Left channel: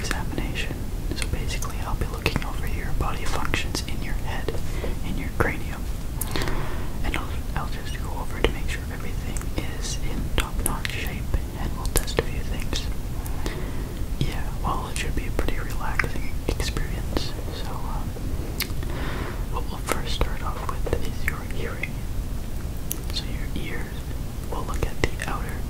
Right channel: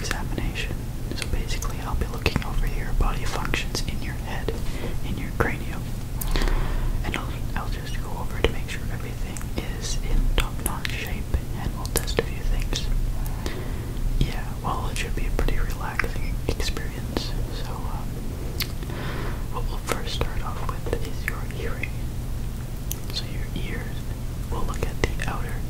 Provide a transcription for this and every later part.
examination. So basically I'll be looking over your body functions in your head, in your cranium. And I'll just go over to make sure everything is in top-notch shape, and we'll test a few things. Yeah, well, it should be a pretty relaxing experience. So, what we'll first start off with is your hearing. So your ears, we'll look at the outer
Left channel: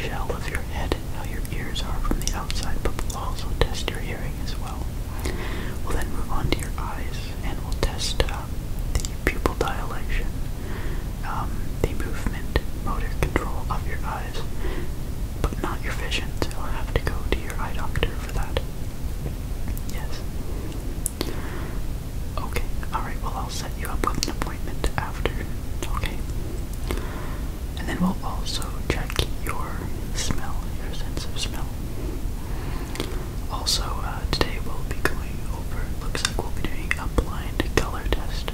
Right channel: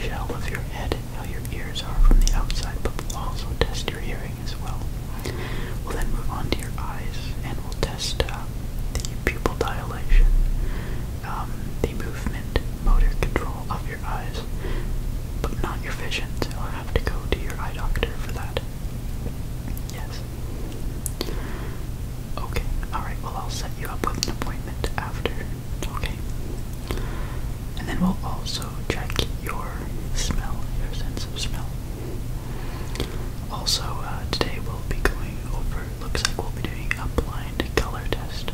shell of your head, how your ears are from the outside, but we'll also test your hearing as well. We'll then move on to your eyes, and we'll test the pupil dilation, the movement, motor control of your eyes, but not your vision, so you'll have to go to your eye doctor for that. Yes. Okay, alright, well I'll set you up with an appointment after, okay? And then we'll also check your smell, your sense of smell. Also, today we'll be going over, looks like we'll be doing a blind color test.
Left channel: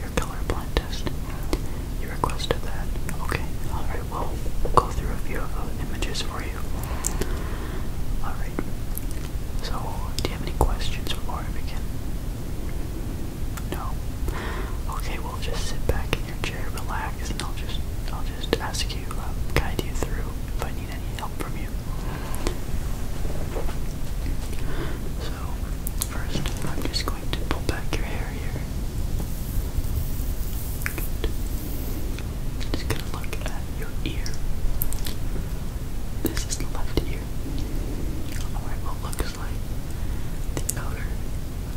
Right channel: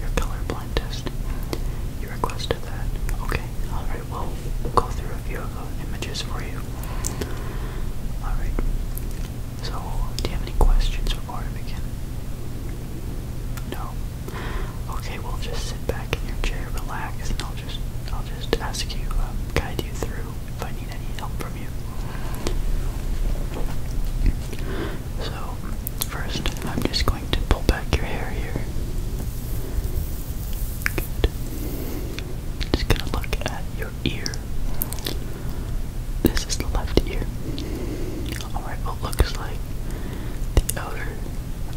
Your color blind test. You requested that. Okay, alright, well, we'll go through a few of the images for you. Alright, so, do you have any questions before I begin? No? Okay, we'll just sit back in your chair, relax, and I'll just ask you, guide you through if I need any help from you. So, first, I'm just going to pull back your hair here. Good. Just gonna look at your ear. This is the left ear. Alright, well, it looks like the outer.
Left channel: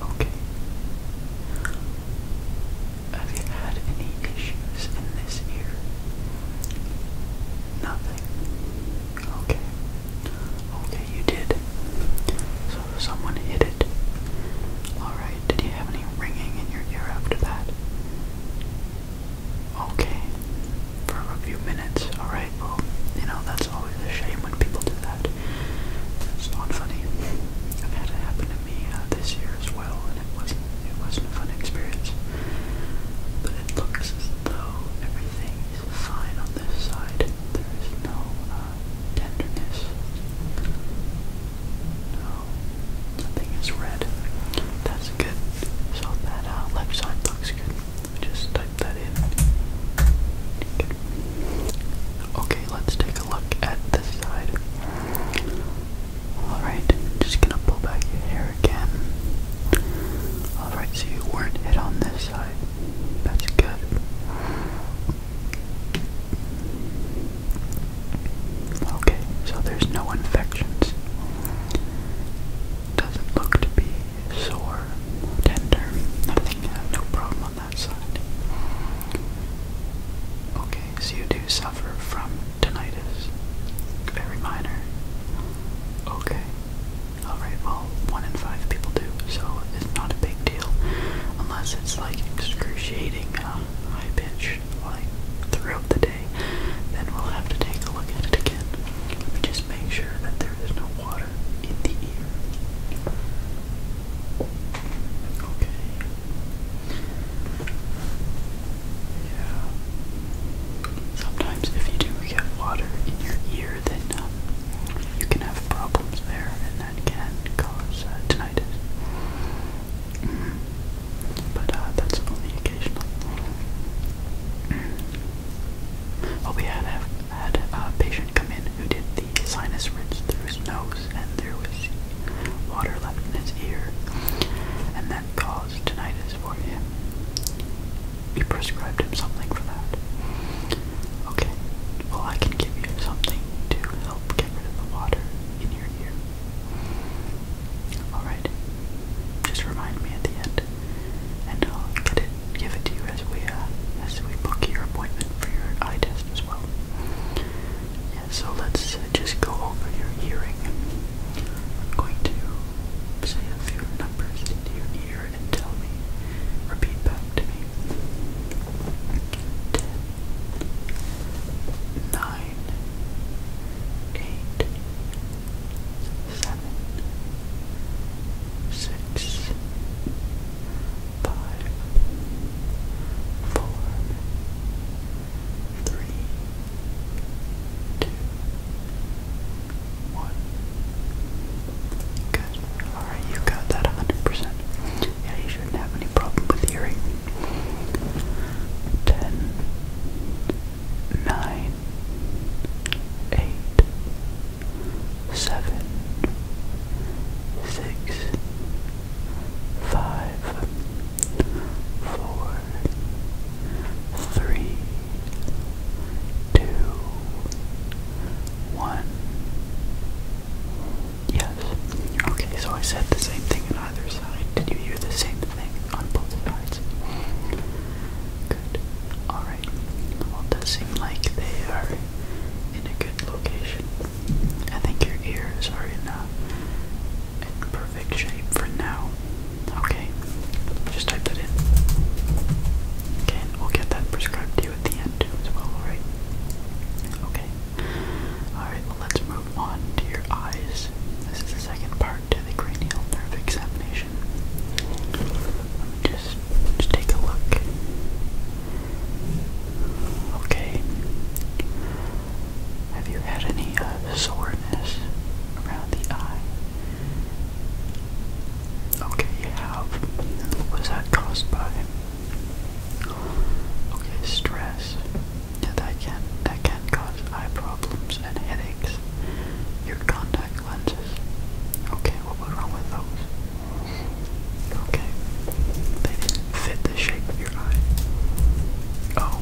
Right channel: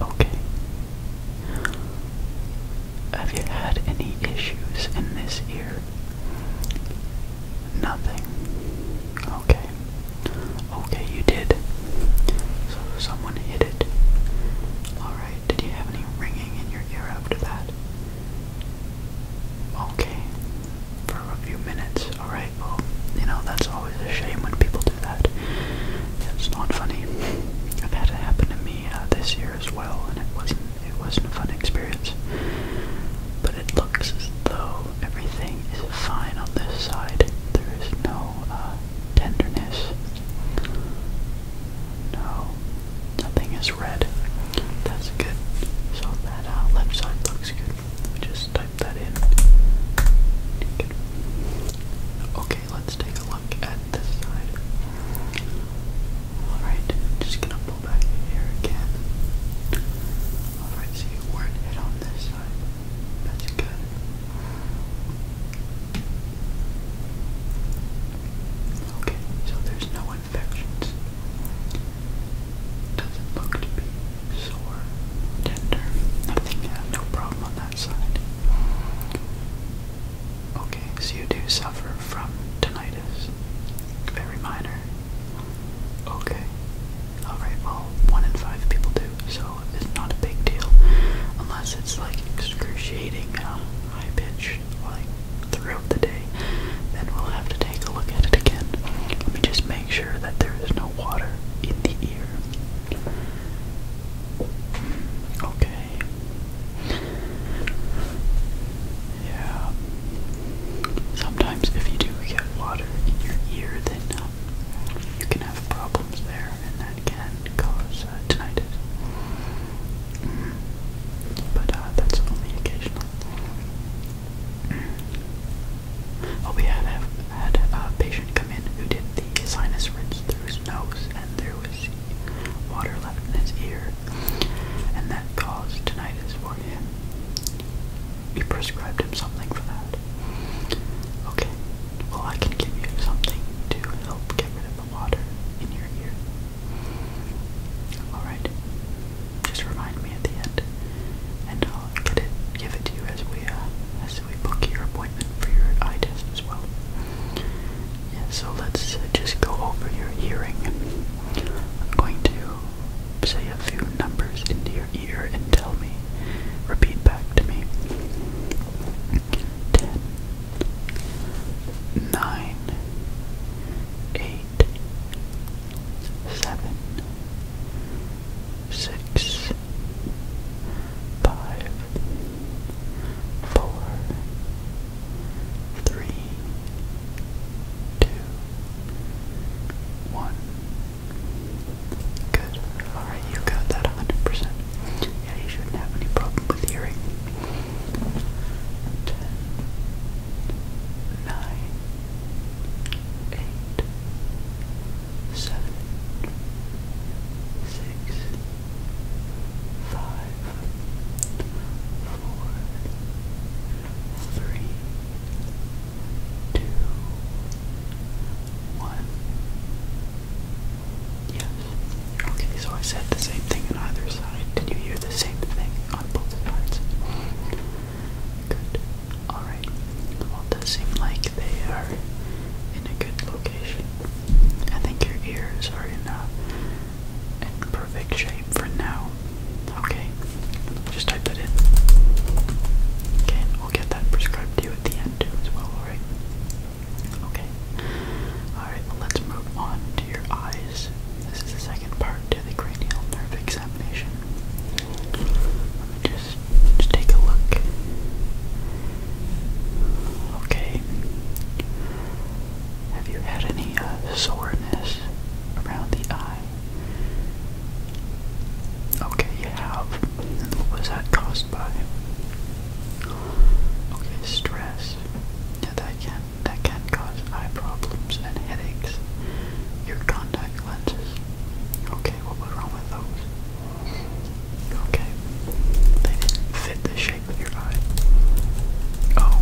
Okay. Have you had any issues in this ear? Nothing. Okay. Okay, you did. So someone hit it. Alright, did you have any ringing in your ear after that? Okay. For a few minutes. Alright, well, you know, that's always a shame when people do that. It's not funny. I've had it happen to me this year as well, and it wasn't a fun experience. But it looks as though everything is fine on this side. There is no tenderness. No, nothing is red. That's good. So that left side looks good. Just type that in. Good. Okay, let's take a look at this side. Alright, just gonna pull back your hair again. Alright, so you weren't hit on this side. That's good. Okay, so there's no infections. Doesn't look to be sore, tender, nothing, no problem on that side. Okay, so you do suffer from tinnitus. Very minor. Okay. Alright, well, 1 in 5 people do, so it's not a big deal. Unless it's like excruciating, high pitch, like throughout the day, then we'll have to take a look at it again. Let me just make sure that there is no water in the ear. Okay. Yeah. Sometimes if you do get water in your ear, then you can have problems there, and that can cause tinnitus. But that's only occasional. Oh, we had a patient come in who did the sinus rinse through his nose, and there was water left in his ear, and that caused tinnitus for him. We prescribed him something for that. Okay, well, I can give you something to help get rid of the water in your ear. Alright, just remind me at the end, and I'll give it to you as we book your appointment for your eye test as well. Yeah, so let's just go over your hearing. I'm going to say a few numbers into your ear and tell me, repeat back to me. 10, 9, 8, 7, 6, 5, 4, 3, 2, 1. Good. I said the same thing on either side. Did you hear the same thing on both sides? Good. Alright. Well, it does seem like they are in a good location. I think your ears are in perfect shape for now. Okay. Just type that in. Okay, and we'll get that prescribed to you at the end too as well, alright? Okay. Alright, well let's move on to your eyes. This is the second part to the cranial nerve examination. Let me just take a look. Okay. Have you had any soreness around the eye? Okay, you have. And what was that caused by? Okay, stress. Yeah, that can cause eye problems and headaches. Your contact lenses. Okay, what was wrong with those? Okay, they didn't fit the shape of your eye. Oh,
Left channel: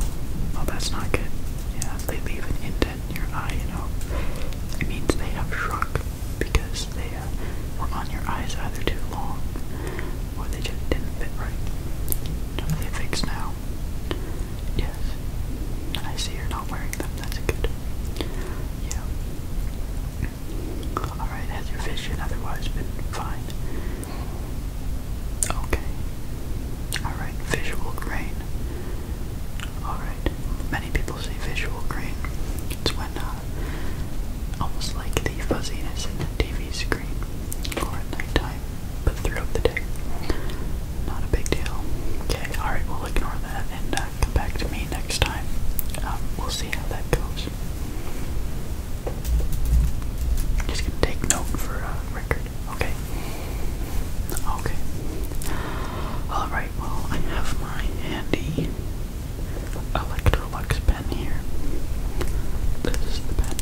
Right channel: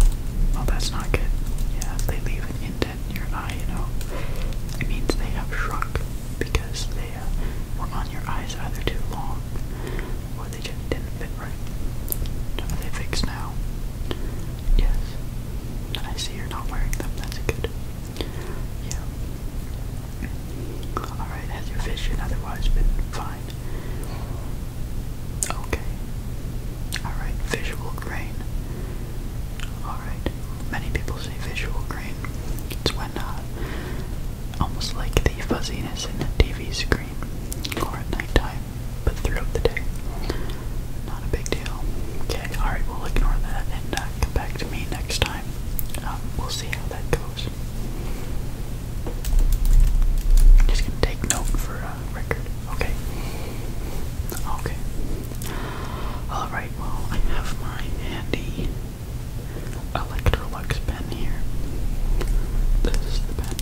well that's not good. Yeah, if they leave an indent in your eye, you know, it means they have shrunk because they were on your eyes either too long or they just didn't fit right. Are they fixed now? Yes. I see you're not wearing them. That's good. Yeah. Alright, has your vision otherwise been fine? Okay. Alright, visual grain. Alright. Many people say visual grain. It's when, almost like the fuzziness in the TV screen, or at nighttime, but throughout the day. Not a big deal. Okay, alright, we'll ignore that and come back to me next time. We'll see how that goes. Just gonna take note for record. Okay. Okay. Alright, well, I have my handy Electrolux pen here. This is the pen.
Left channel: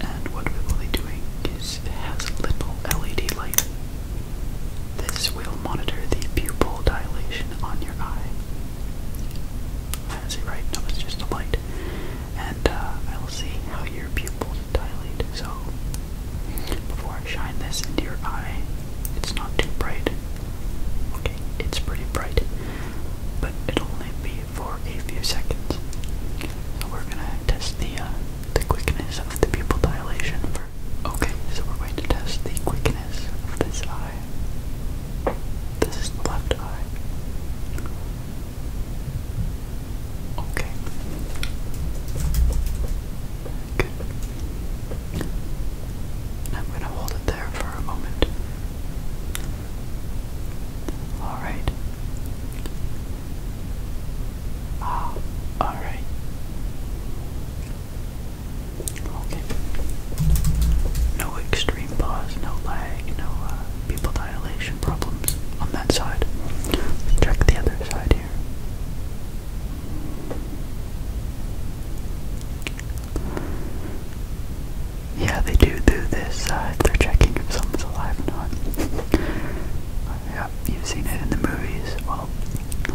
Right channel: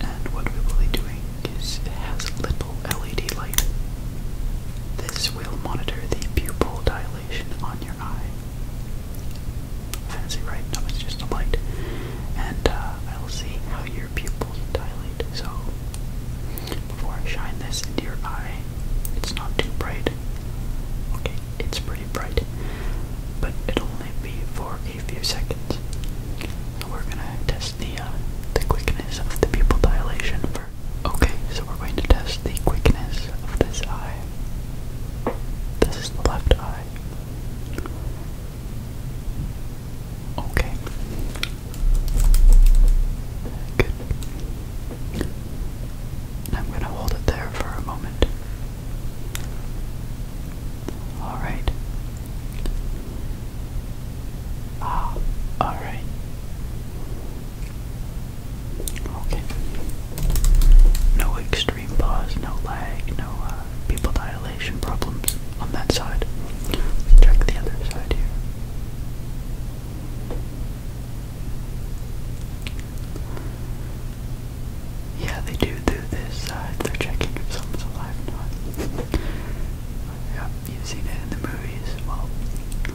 And what we will be doing is it has a little LED light. This will monitor the pupil dilation on your eye. Fancy, right? No, it's just a light. And I'll see how your pupils dilate. So, before I shine this into your eye, it's not too bright. Okay, it's pretty bright, but it'll only be for a few seconds. So we're gonna test the quickness of the pupil dilation first. Okay, so we're going to test the quickness of this eye. This is the left eye. Okay. Good. I'm going to hold it there for a moment. Alright. Alright. Okay. No extreme pause, no lag, no pupil dilation problems on that side. Let's check the other side here. Yeah, they do this. They're checking if someone's alive or not. Yeah, you've seen it in the movies. Well,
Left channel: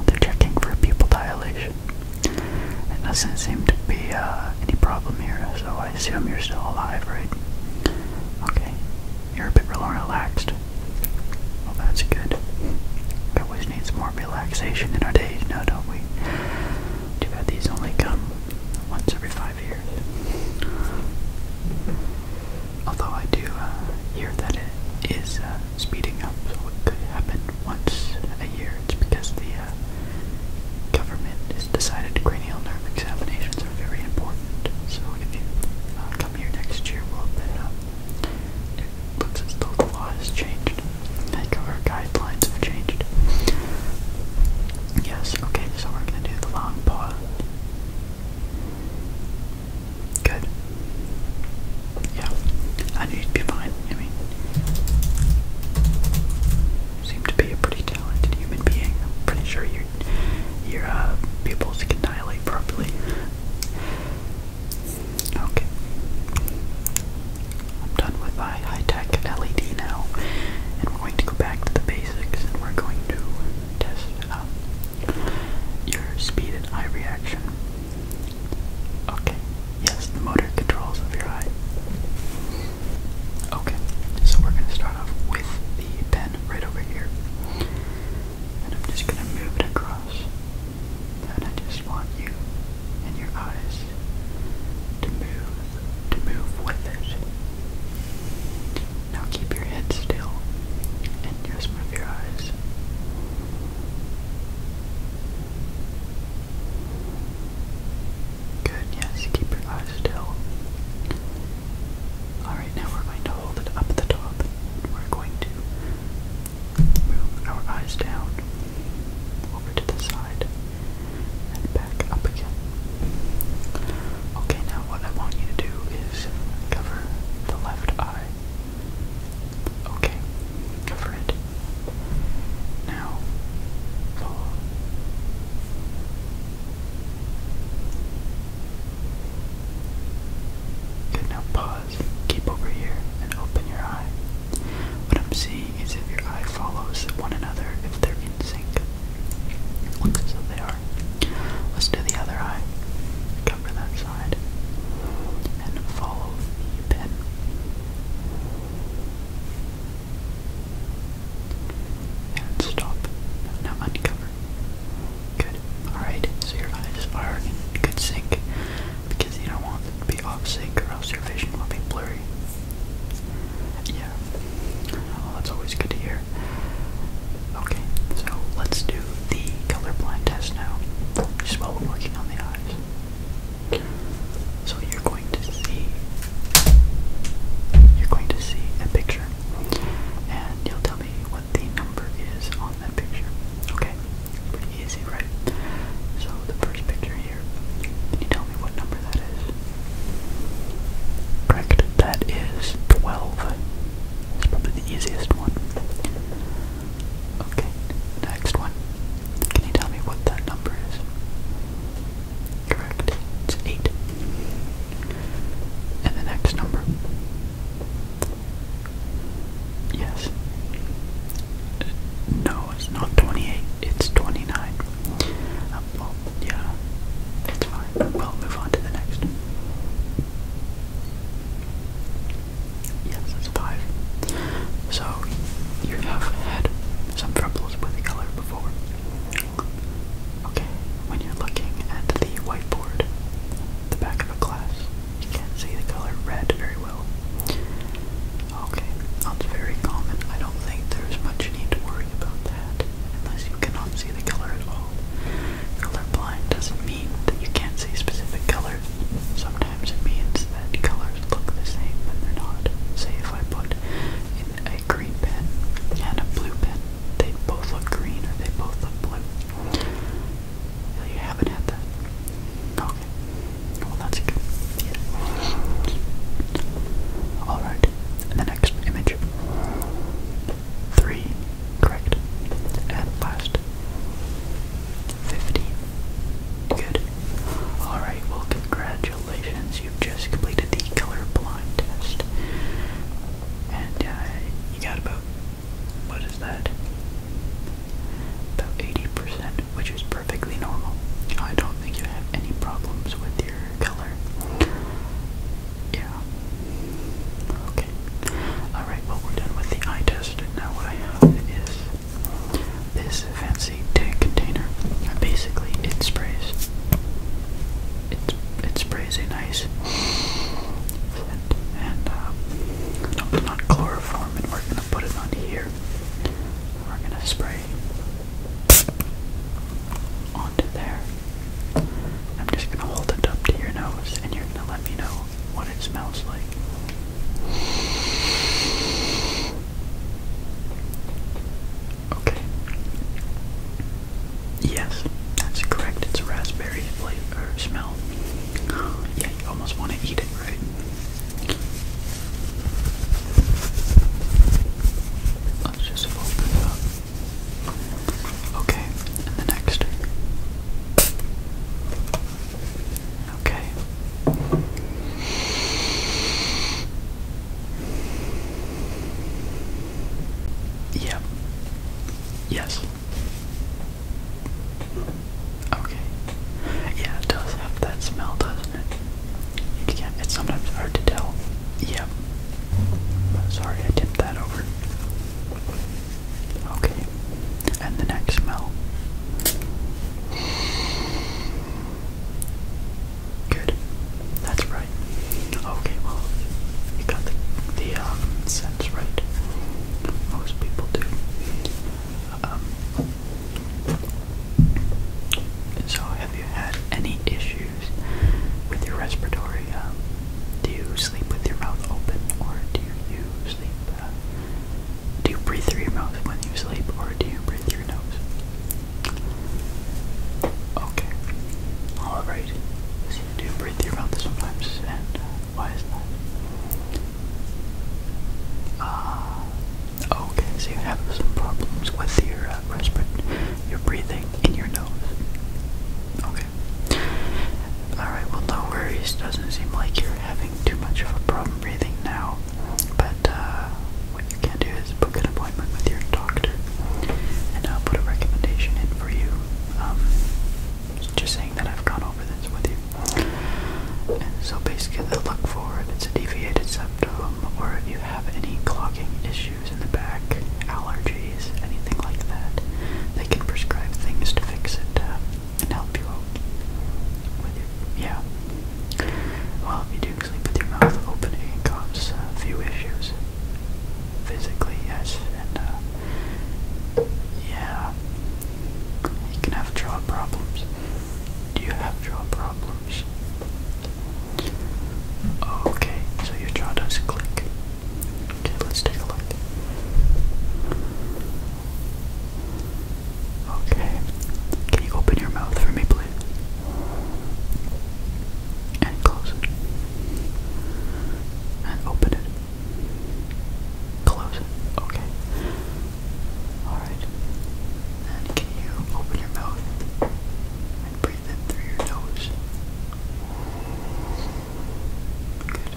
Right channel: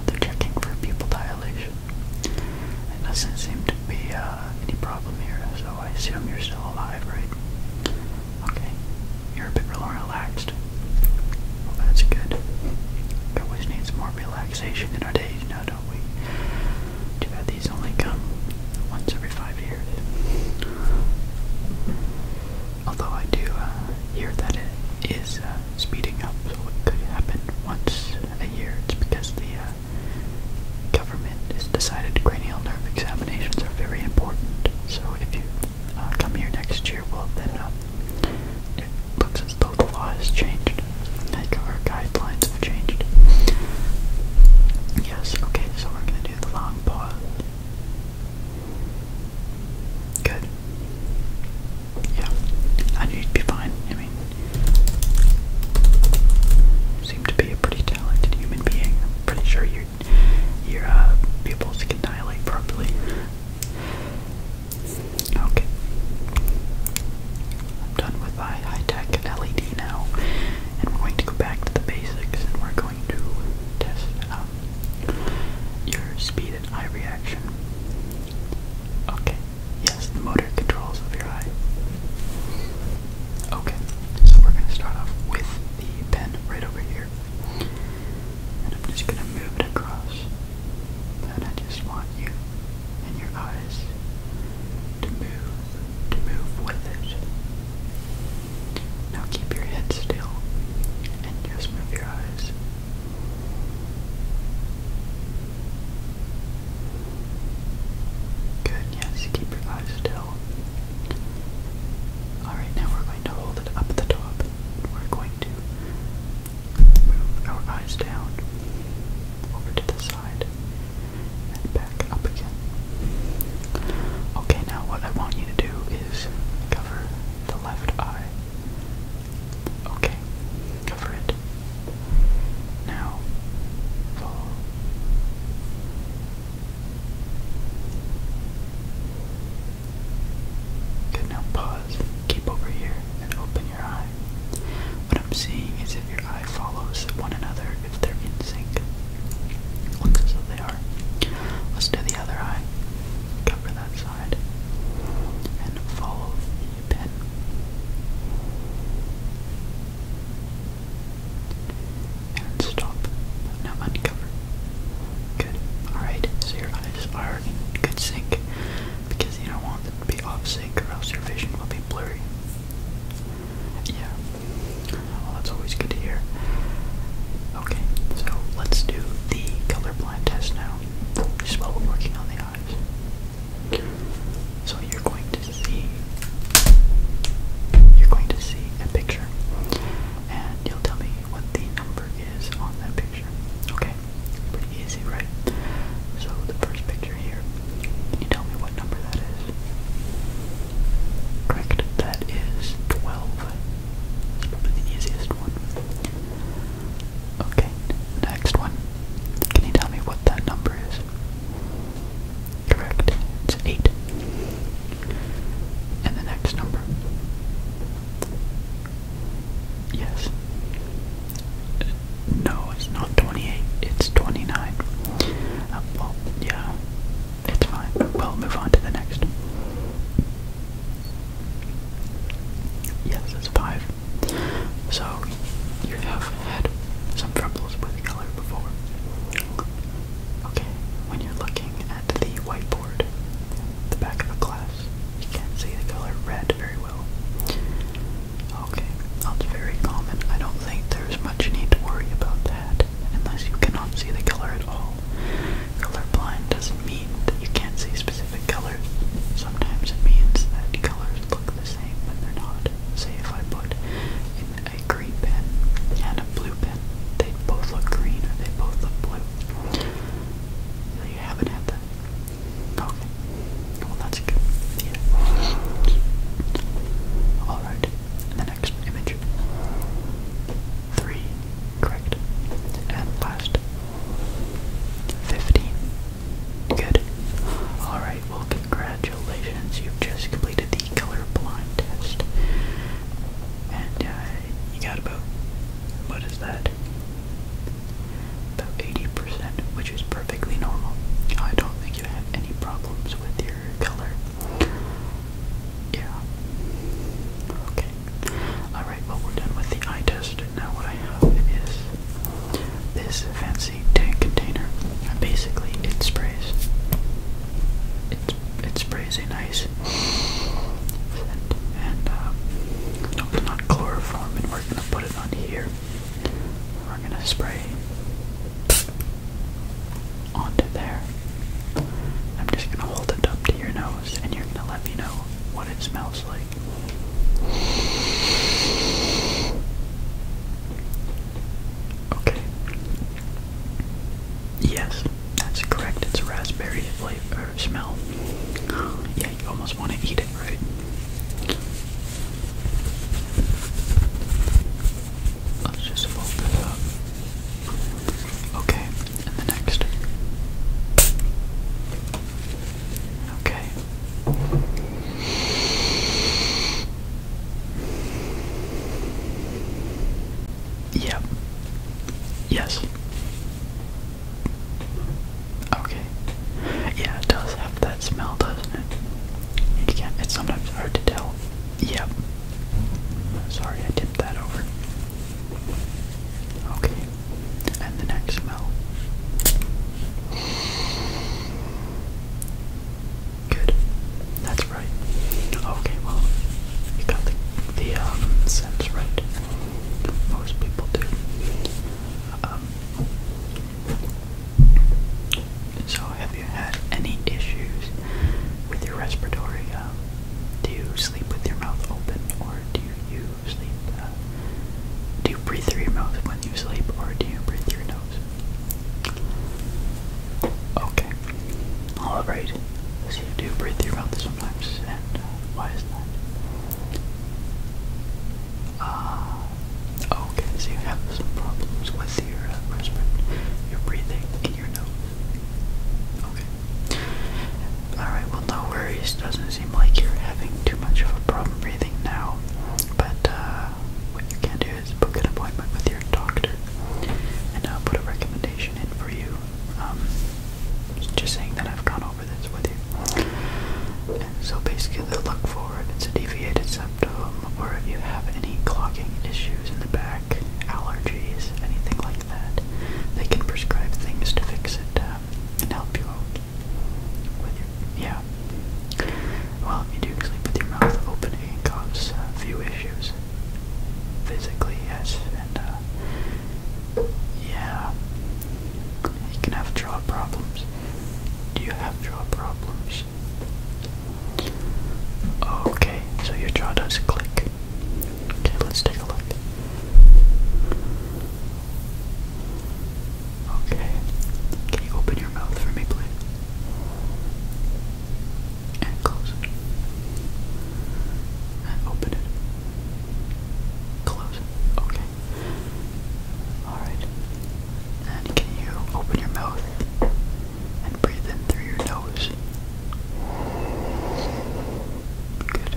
they're checking for pupil dilation. It doesn't seem to be any problem here, so I assume you're still alive, right? Okay, you're a bit more relaxed. Well, that's good. We always need some more relaxation in our days now, don't we? Too bad these only come once every 5 years. Although I do hear that it is speeding up, so it could happen once a year. It's because the government has decided cranial nerve examinations are very important. So if you come here next year, well then it looks as though the law has changed. Like our guidelines have changed. Yes, okay, so we're gonna do the long pause. Good. Yeah, I knew you'd be fine. I mean, So, you have had some troubles with color before. Okay, when you're looking at the whiteboard, the back of a class, you can't see the color red very well. Okay, that's very common. I don't think there's much need to worry about that, unless you cannot see the color at all. Colorblind doesn't mean that you can't see specific colors. Sometimes it means that colors look the same when they're not. Say if I put in a green pen and a blue pen, they both look green or they both look blue. You haven't had that? Okay. Well, that's good. Yeah. Alright, and the next image. 3, correct. And last. 15. Good. Alright, well, congratulations. You've just completed the colorblind test. And you got about, what is that? About 80%, which is perfectly normal. I don't think you have any problems with your color. Yeah. Okay. Alright, well, we're done with the eye test, and now what I have is this fancy tank container. Basically, it sprays. It sprays a nice scent, and no, it's not chloroform, and we're gonna put it on here. We're gonna spray onto there. I'm just gonna hold it up to your nose, and you're gonna let me know what it smells like. Okay. Yes, that's correct. It's a raspberry flavor smell. Yeah, you almost want to eat it, right? Let's just fold this up. Okay, and the next. Okay. Yep. Yes. Okay. Yeah, it does have that smell, doesn't it? You can't, it's sometimes hard to tell. Yep. Sorry, I tipped that over. Okay. And the next smell. Good. That's right. Okay, well, you got the sense right. Most people do. So have you had any issues with your respiratory? Do you sleep with your mouth open, or do you sleep, do you breathe through your mouth when you sleep, or do you breathe through your nose? Okay. Alright. So you do breathe through your mouth sometimes, and why is that? Okay, so you have some problems with your your breathing in your nose. Okay. Alright, well, no worries. Doesn't seem like you're having too much of a problem breathing now. But what you can do is book an appointment with your doctor, and I'll put a recommendation in for you. Just saying that I've gone over this with you. And so basically they'll look for if it's a deviated septum, or if you have any clogging issues in the back, allergies, anything like that. They can prescribe things to fix it and help you out with your, yeah. Well, if you do sleep with your mouth open, it can cause a few issues. Physically, yes, and yeah. You can have jaw problems. Do you have jaw problems? Okay, so your jaw does click. Okay, let's take a look. Okay, can you open your mouth for me, please? And close it. And open it. Close it. Okay. Alright. And can you open your mouth and breathe in through your nose? Good.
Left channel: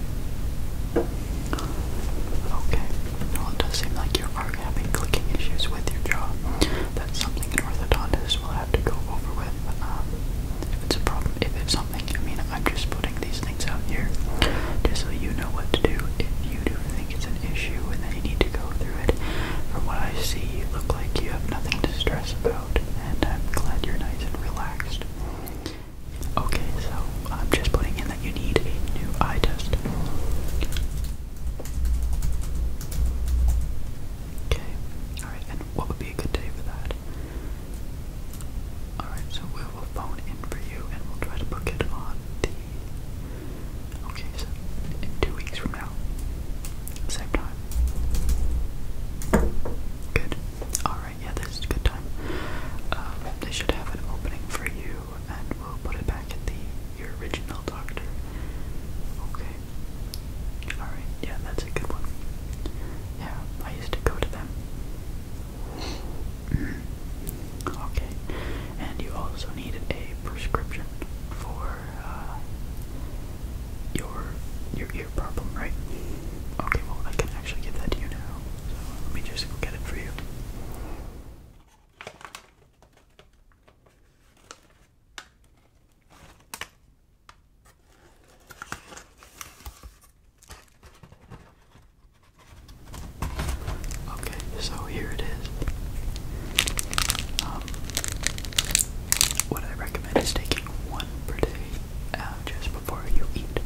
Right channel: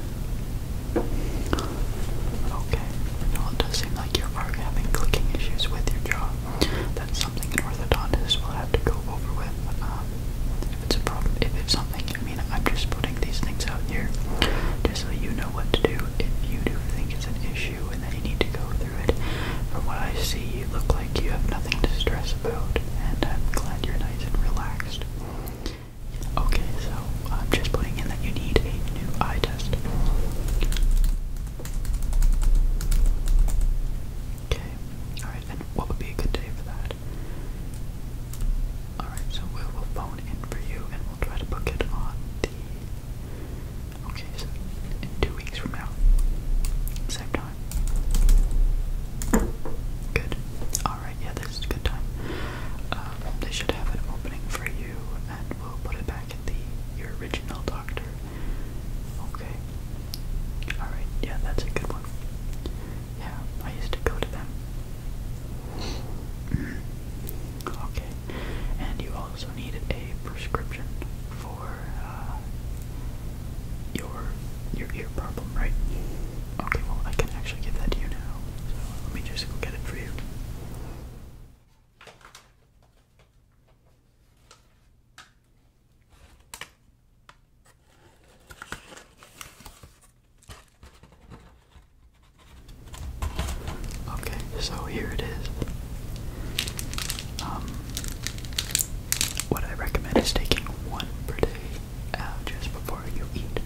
So here it is. What I recommend is taking one per day just before you eat.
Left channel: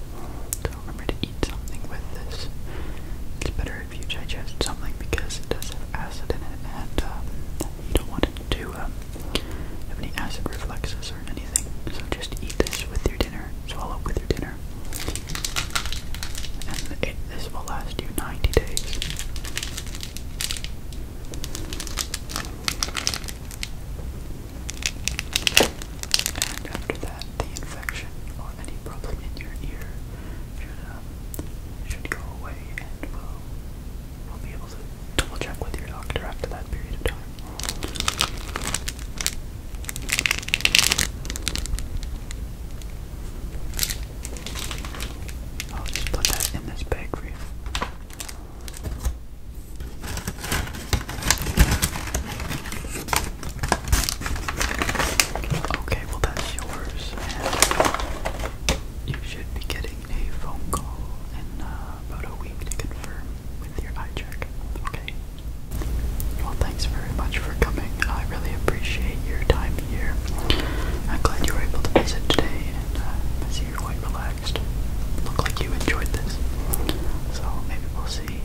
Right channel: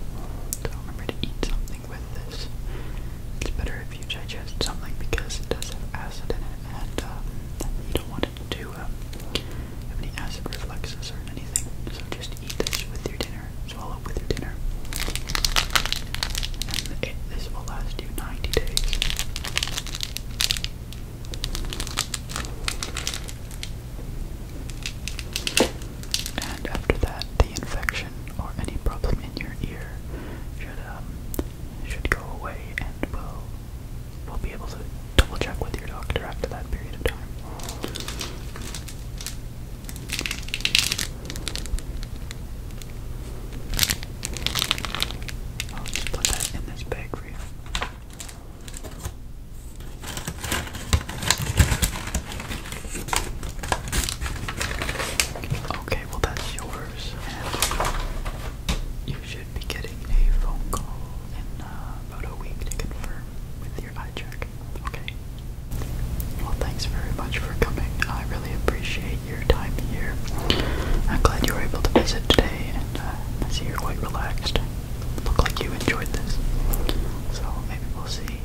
So remember to eat something with this. It's better if you digest something because it does have acid in it, and you don't want it to have any acid reflexes or anything. So just eat this with your dinner, swallow with your dinner, and this will last you 90 days. And after that, the infection or any problem in your ear should go away, and we'll be able to double check with your doctor after that period of time. I'll just put that in this bag for you. Okay, well that's yours, and you should be getting a phone call in about a week to confirm with your eye check. Okay. Well, thanks very much for coming. I really appreciate your time here. I'm glad you were able to visit today, and I see you're quite relaxed. Look like you enjoyed this. So maybe we'll see